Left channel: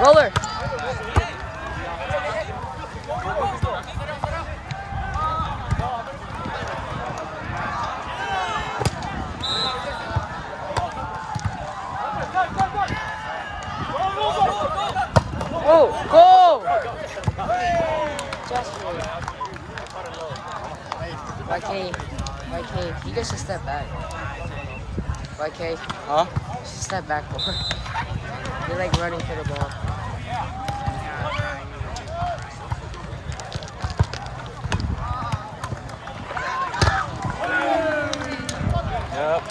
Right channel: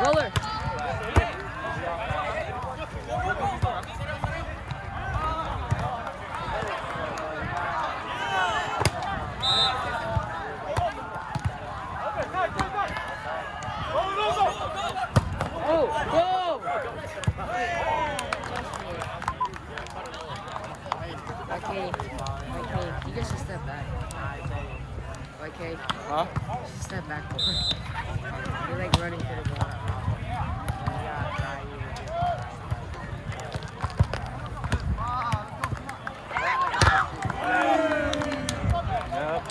Roller. Oh, go! YK, you guys should step back. YK, Huh? you should step back more. You're like running for the ball. Yep.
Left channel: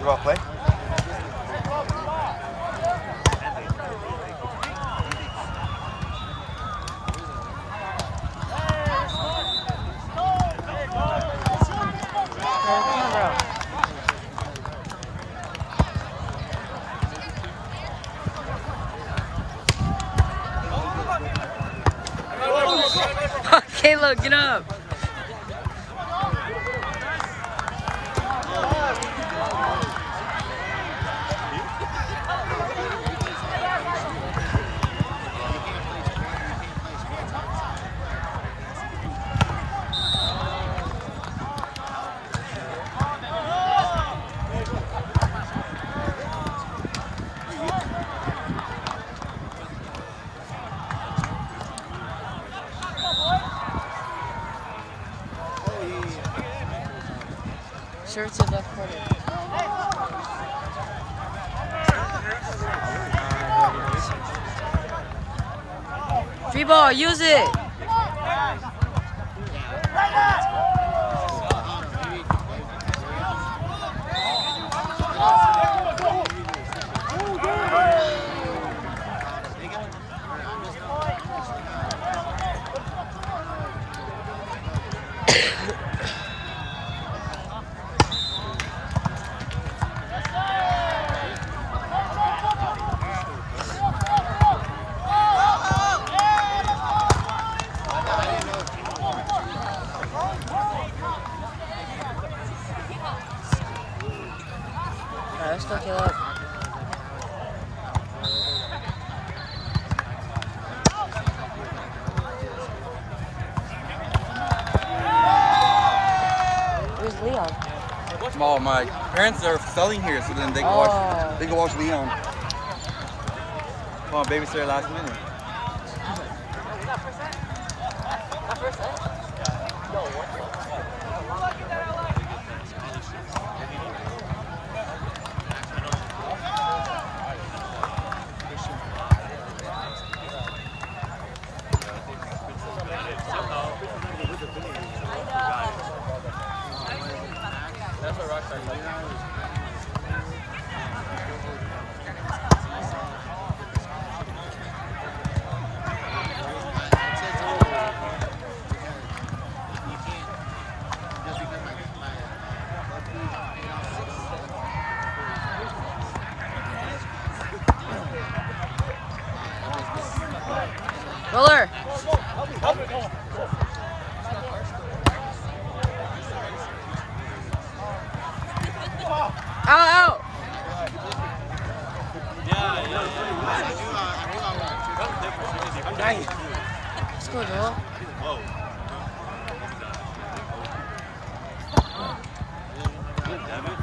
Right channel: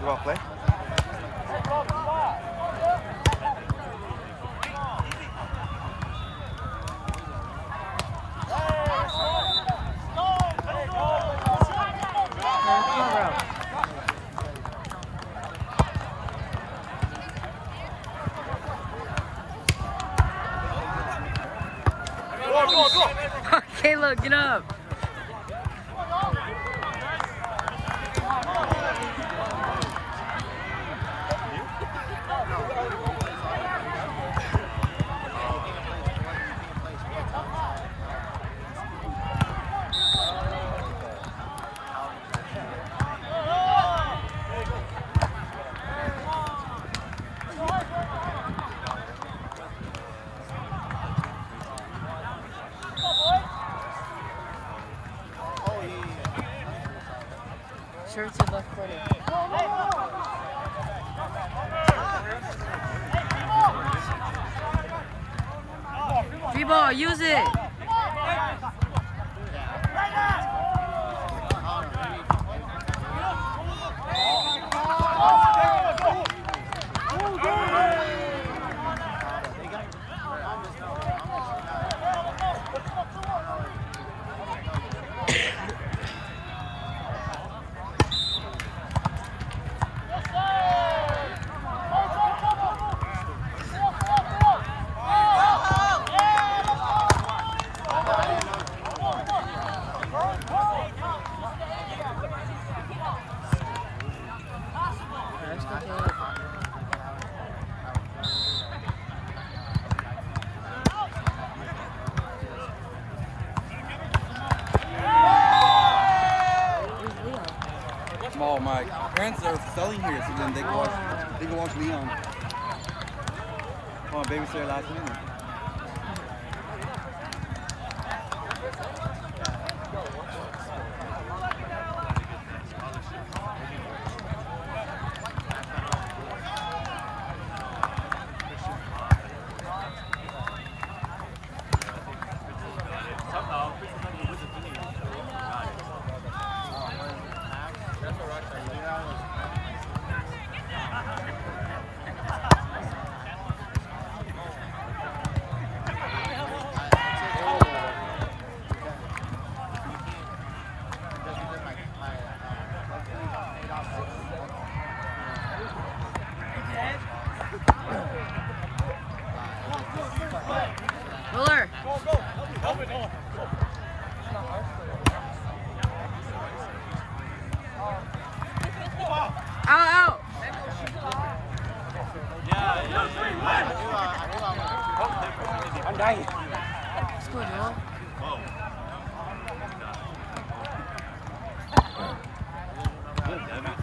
You want to play? Come on, bro. Caleb, get up. Shirt to the left corner. Free ball, use it. Let's look it up. Where's Leon? Oh, my parents are studying here, so then they can watch Leon. Come on, babysitter last minute. Roller. Out. Yeah. I knew I was a triple opportunity for nice. Score, Joel. Whoa. Maybe not. Actually. Devin?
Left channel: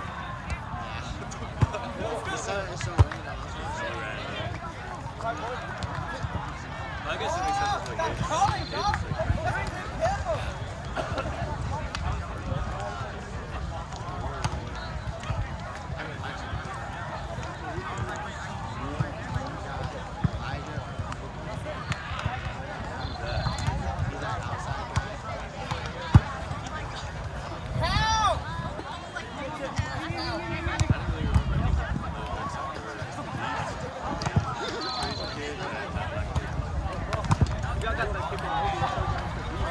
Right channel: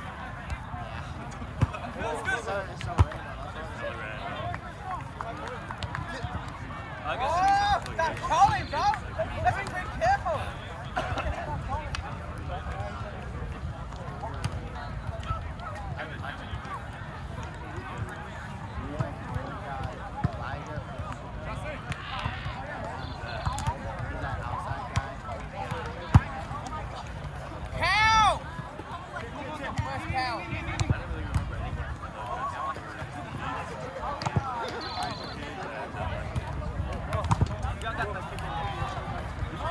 Yeah. It's so rain though. That's what I'm saying. I guess it makes sense that's what He's that outside guy. I didn't really remember anyone from those except for just the Beast, Asian kid, and that black kid. You got that kid from the movie that showed us the Beast.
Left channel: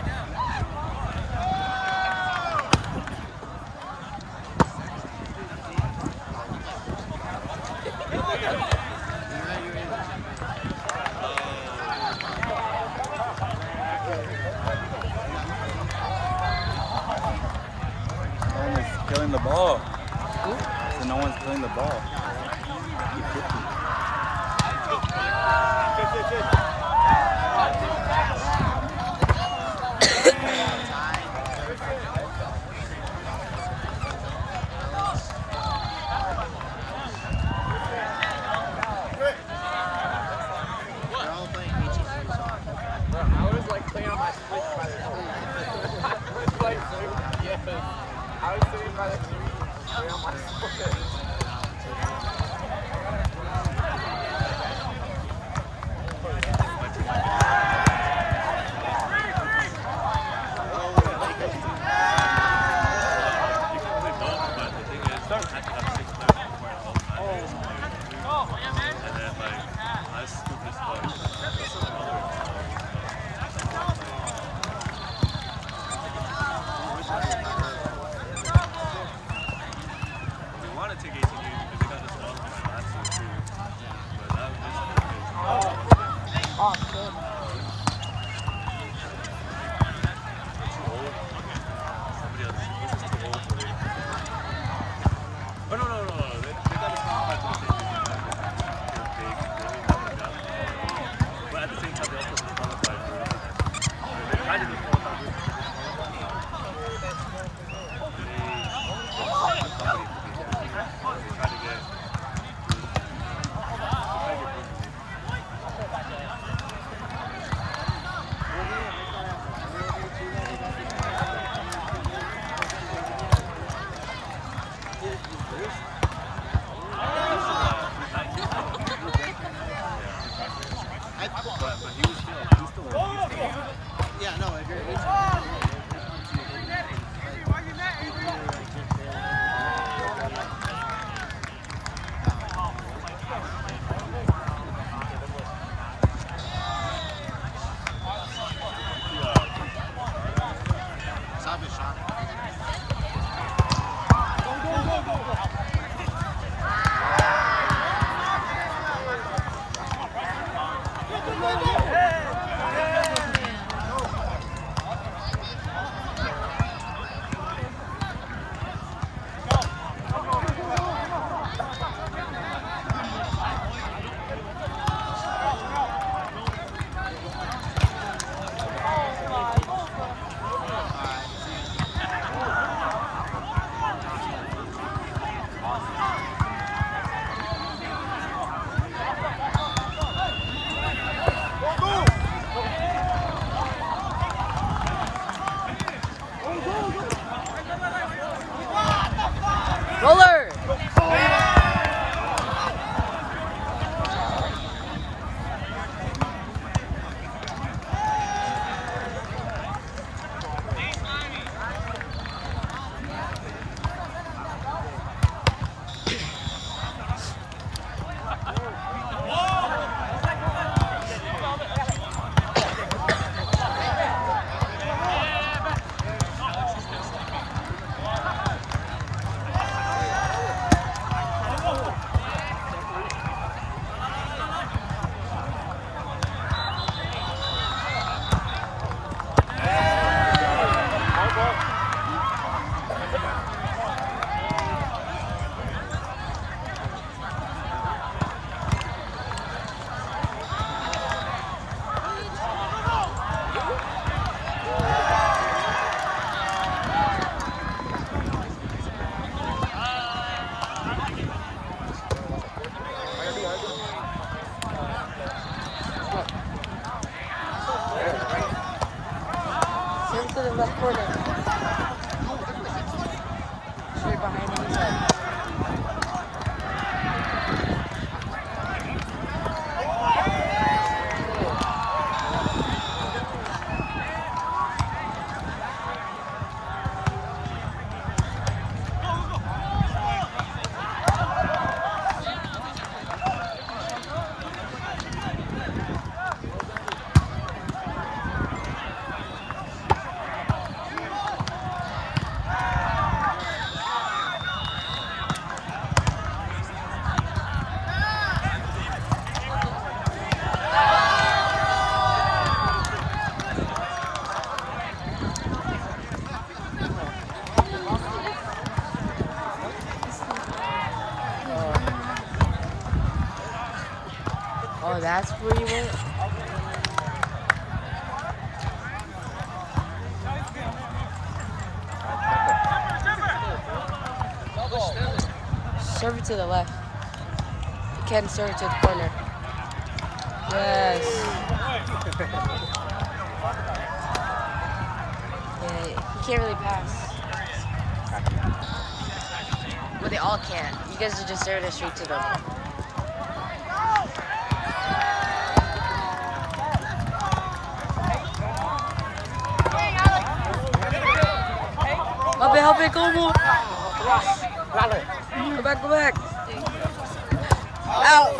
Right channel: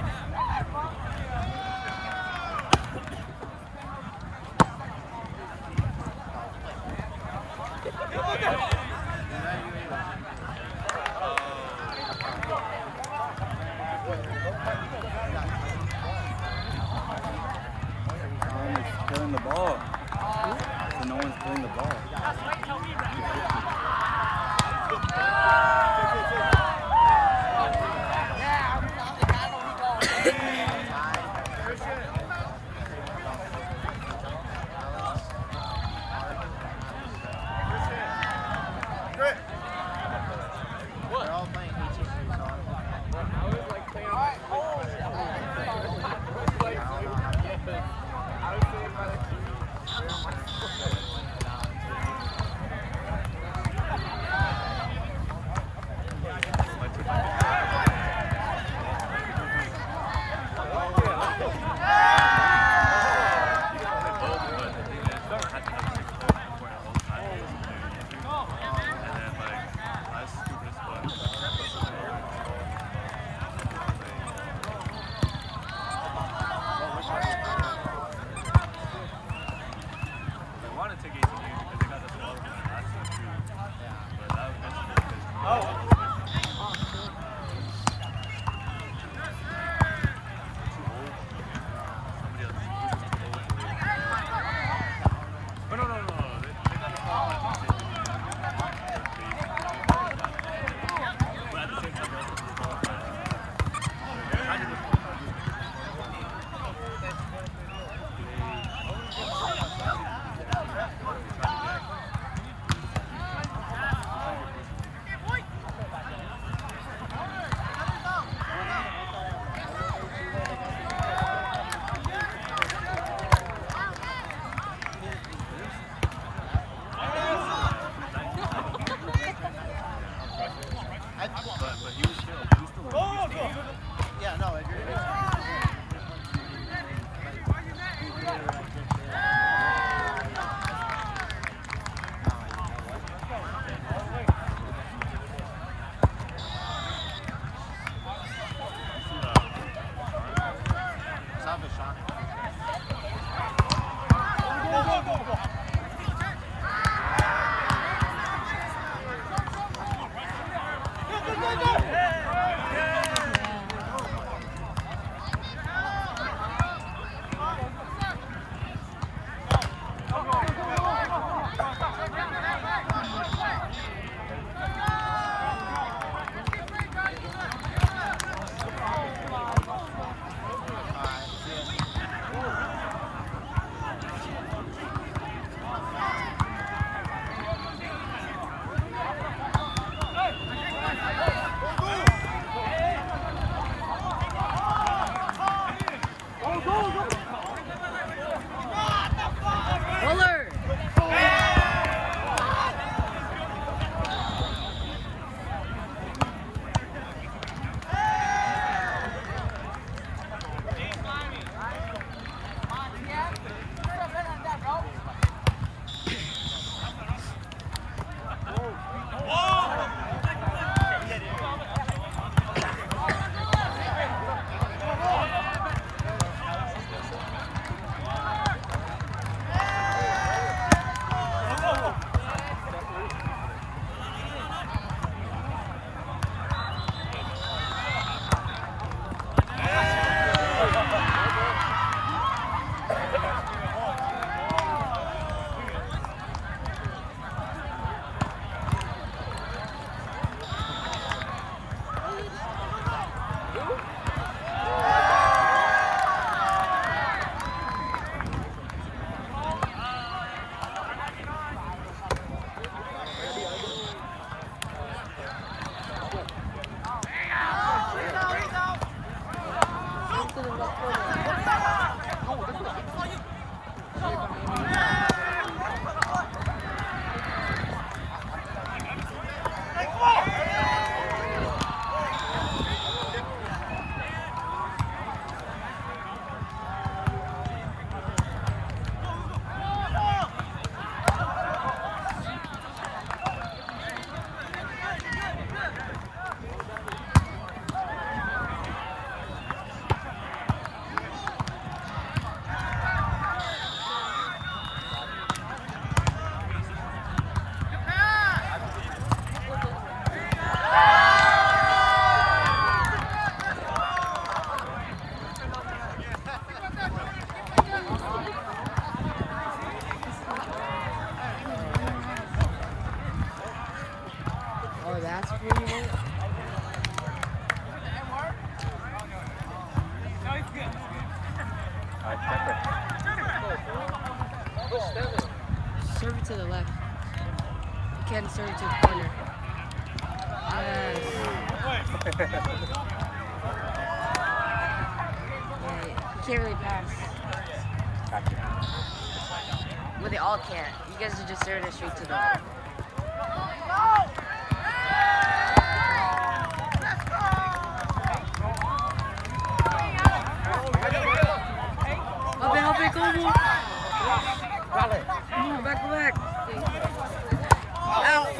No one is killing the ball. So no one's killing the ball. They're all playing BTG, so I'm hoping. I don't know how to get them. I don't know. That's where you went? Serve it to the left. You can serve it to the corner. Yes. Yeah, you can't really pass. Well, they all can't. You guys are just serving it straight to them. Help it, go, go. Go back, go back. Out.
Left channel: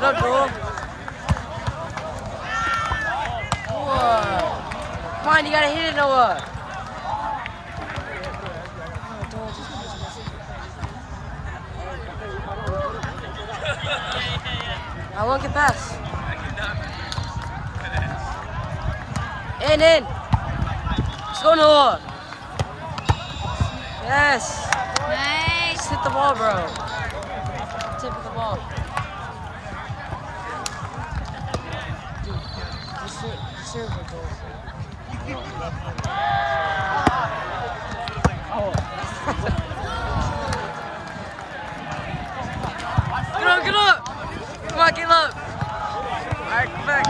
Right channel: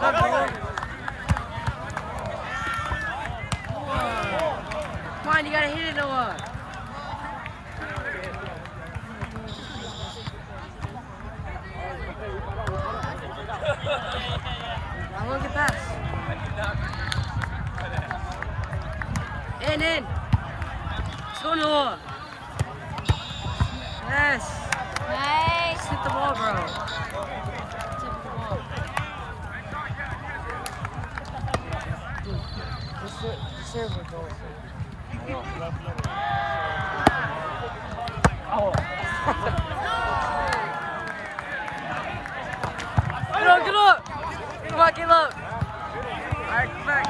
Good, bro. Whoa. Come on, you gotta hit it, Noah. I won't get past. In. Let's go, Noah. Yes. Nice. Just hit the ball, bro. Tip of the ball. Dude, just serve it, bro. Get up! Come on, Caleb! Alright, come back.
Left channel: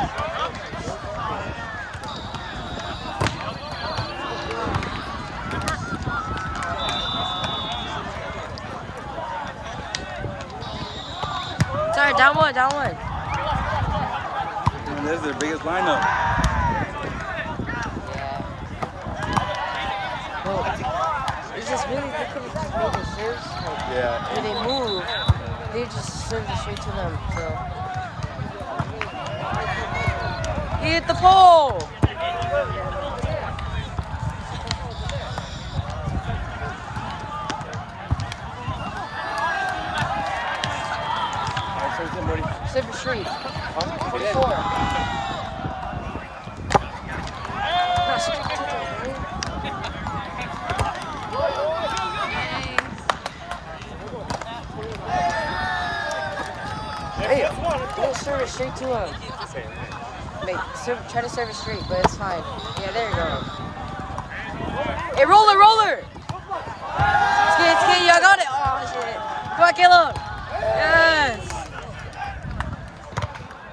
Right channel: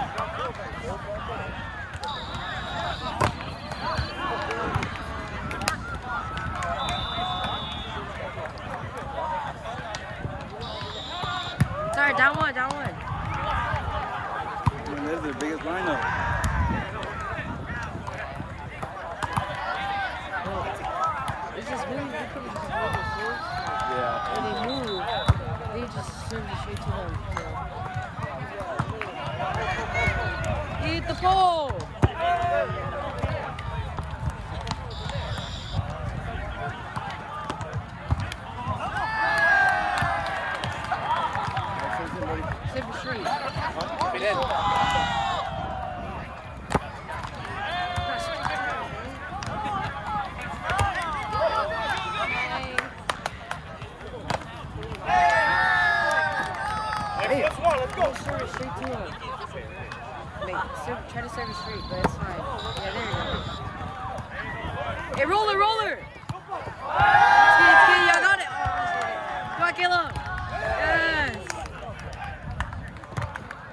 Sorry, down one. This is the biggest lineup. Well, it's just really difficult to move the serves. Like, Yeah. when they move, they just serve it straight to them. So he hit the pole. Serve it straight. Four. Hey, let's serve it straight to him. Like, try to serve it straight, but it's fine. Yeah, there you go. Hey, roller! It's good, I got it. Oh, shit. Come on, Caleb.